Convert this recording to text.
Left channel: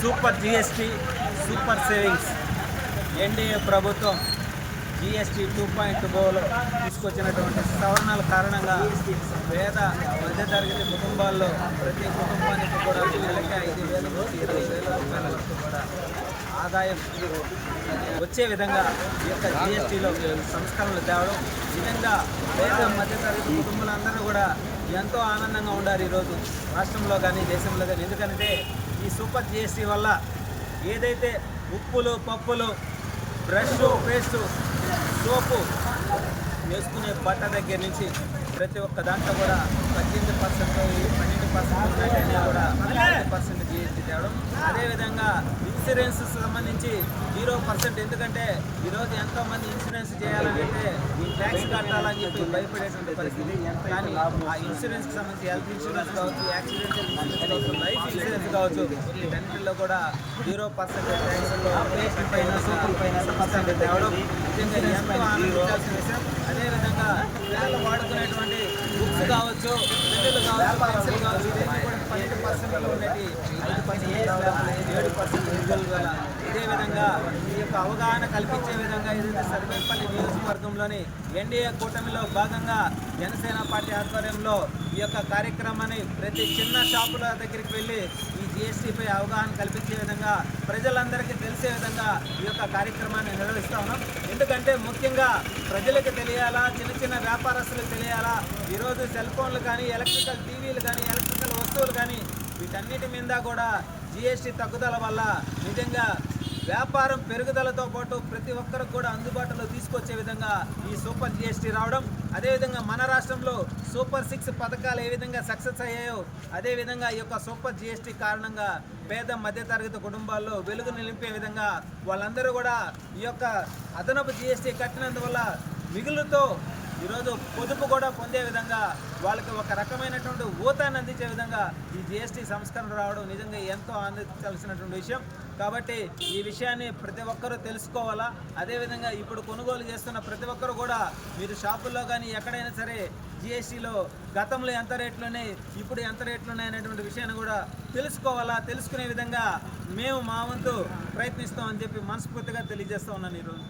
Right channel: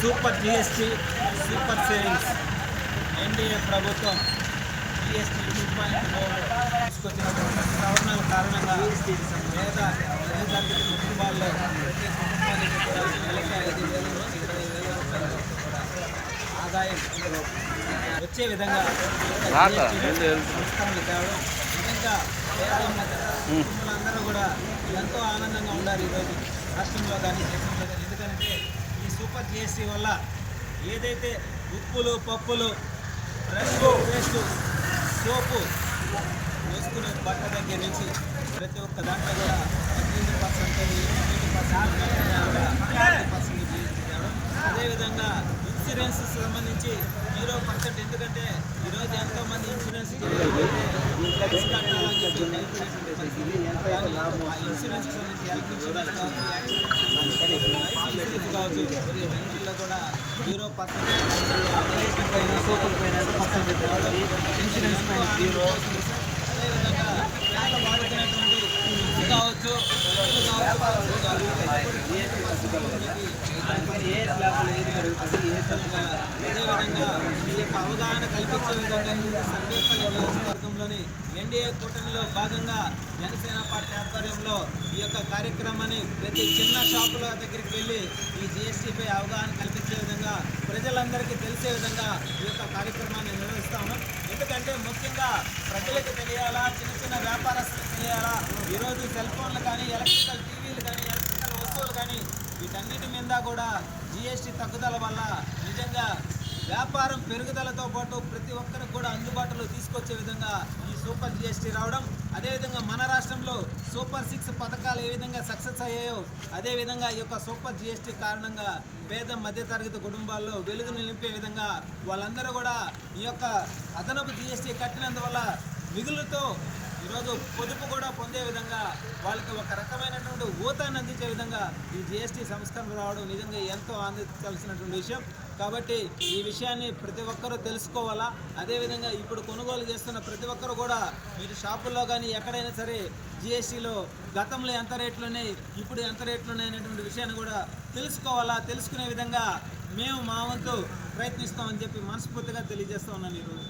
Super GST, super savings. NDA ప్రభుత్వం GST 2.0లో తీసుకొచ్చినటువంటి సవరణల కారణంగా పేద మధ్యతరగతి కుటుంబాల్లో ప్రతి కుటుంబానికి కూడా నెలకి 5,000 నుంచి 20,000 రూపాయల వరకు కూడా ఆదాయం వచ్చే విధంగా ఈ యొక్క జిఎస్టీలో సంస్కరణలు తేవడం నిజంగా పేద మధ్యతరగతి కుటుంబాలందరూ కూడా ఎంతో ఆనందంగా ఉండారు ఈరోజు రాష్ట్రంలో కానీ దేశంలో కానీ. ఎందుకంటే ఈ సూపర్ జిఎస్టీ వల్ల ఏదైతే ఉప్పులు, పప్పులు, బ్రష్, పేస్టు, సోపు వేసుకునే బట్ట దగ్గర నుంచి ప్రతి ఒక్క దాంట్లో కూడా 18%, 12% కూడా 40% జిఎస్టీ తేవడం. అదేవిధంగా ఇన్సూరెన్స్ సంబంధించి 0%. ఎందుకంటే ఈరోజు ఎంతోమంది ఇన్సూరెన్స్ చేయాలంటే ట్యాక్స్ కట్టాలని చెప్పి భయపడేటువంటి పరిస్థితి. కానీ ఆ ఇన్సూరెన్స్కి సంబంధించి హెల్త్ ఇన్సూరెన్స్ కావచ్చు, యాక్సిడెంటల్ ఇన్సూరెన్స్ కావచ్చు, లైఫ్ ఇన్సూరెన్స్ కావచ్చు, వీటన్నింటిలో కూడా 0% తేవడం నిజంగా ఎంతో ఆనందించాల్సిన విషయం. అదేవిధంగా పిల్లలు వాడుకునేటువంటి బుక్స్ కావచ్చు, పిల్లలు కావచ్చు, పెన్సిల్ కావచ్చు, 8% ఉన్నది 7% ఇదేవిధంగా ఈ యొక్క అవగాహన కల్పించే విధంగా ఏదైతే సర్వేపల్లి నియోజకవర్గంలోని ఎన్డీఏ కూటమిలో భాగంగా జనసేన పార్టీ ఆధ్వర్యంలో ఈ యొక్క కార్యక్రమాన్ని ప్రతి చిన్న షాపుల దగ్గరికి వెళ్ళి ఈ జిఎస్టీపై అవగాహన కల్పించే విధంగా ప్రజలందరికీ తెలిసే విధంగా ఈ యొక్క కార్యక్రమాన్ని నిర్వహిస్తూ ఉన్నాం. ఎందుకంటే ముఖ్యంగా ప్రజలకు తెలియాలా, చిన్న చిన్న వ్యాపారస్తులకు తెలియాలా. ఈరోజు సెల్ ఫోన్లు కానీ, ఎలక్ట్రికల్ టీవీలు కానీ, ఎలక్ట్రికల్ వస్తువులు కానీ వీటన్నిటి మీద కూడా జిఎస్టీ తగ్గుదల వల్ల నిజంగా వ్యాపారం పెరుగుదలతో పాటు ప్రతి ఒక్కరికి కూడా అందుబాటులో తీసుకొచ్చే విధంగా ఈ సూపర్ జిఎస్టీ రావడం. అదేవిధంగా మన రాష్ట్రంలో సూపర్ 6 పథకాలు ఏ విధంగా సక్సెస్ అయ్యాయో అదేవిధంగా ఈ యొక్క సూపర్ జిఎస్టీ కారణంగా పేద మధ్యతరగతి కుటుంబాల్లో వెలుగు నిలిపే విధంగా వాళ్ళందరూ కూడా ఈ యొక్క అదనపు జిఎస్టీ కట్టినందువల్ల మిగులుతో ఈరోజు పొదుపు కూడా పొందే విధంగా వాళ్ళకి ఒక రకమైనటువంటి ఊతాన్ని అందించే విధంగా ఈ జిఎస్టీ సంస్కరణ రావడం నిజంగా ఎంతో ఆనందించాల్సినటువంటి విషయం. కాబట్టి ఈ విషయాన్ని ప్రతి ఒక్కరూ తెలుసుకోవాలా. అదేవిధంగా ఇప్పుడు కొనుగోలు చేస్తున్న ప్రతి ఒక్కరు కూడా మీరు షాపుల్లో కానీ ఎక్కడైనా సరే జిఎస్టీలో గతంలో ఎంత రేట్లు ఉన్నాయి, ఇప్పుడు ఎంత రేట్లు ఉన్నాయి అనేటువంటి విషయాన్ని కూడా తెలుసుకోవాలా. తెలుసుకునే విధంగా మేము మా వంతు ప్రయత్నిస్తామని చెప్పి మనస్ఫూర్తిగా తెలియజేస్తూ ఉన్నాను ఈరోజు.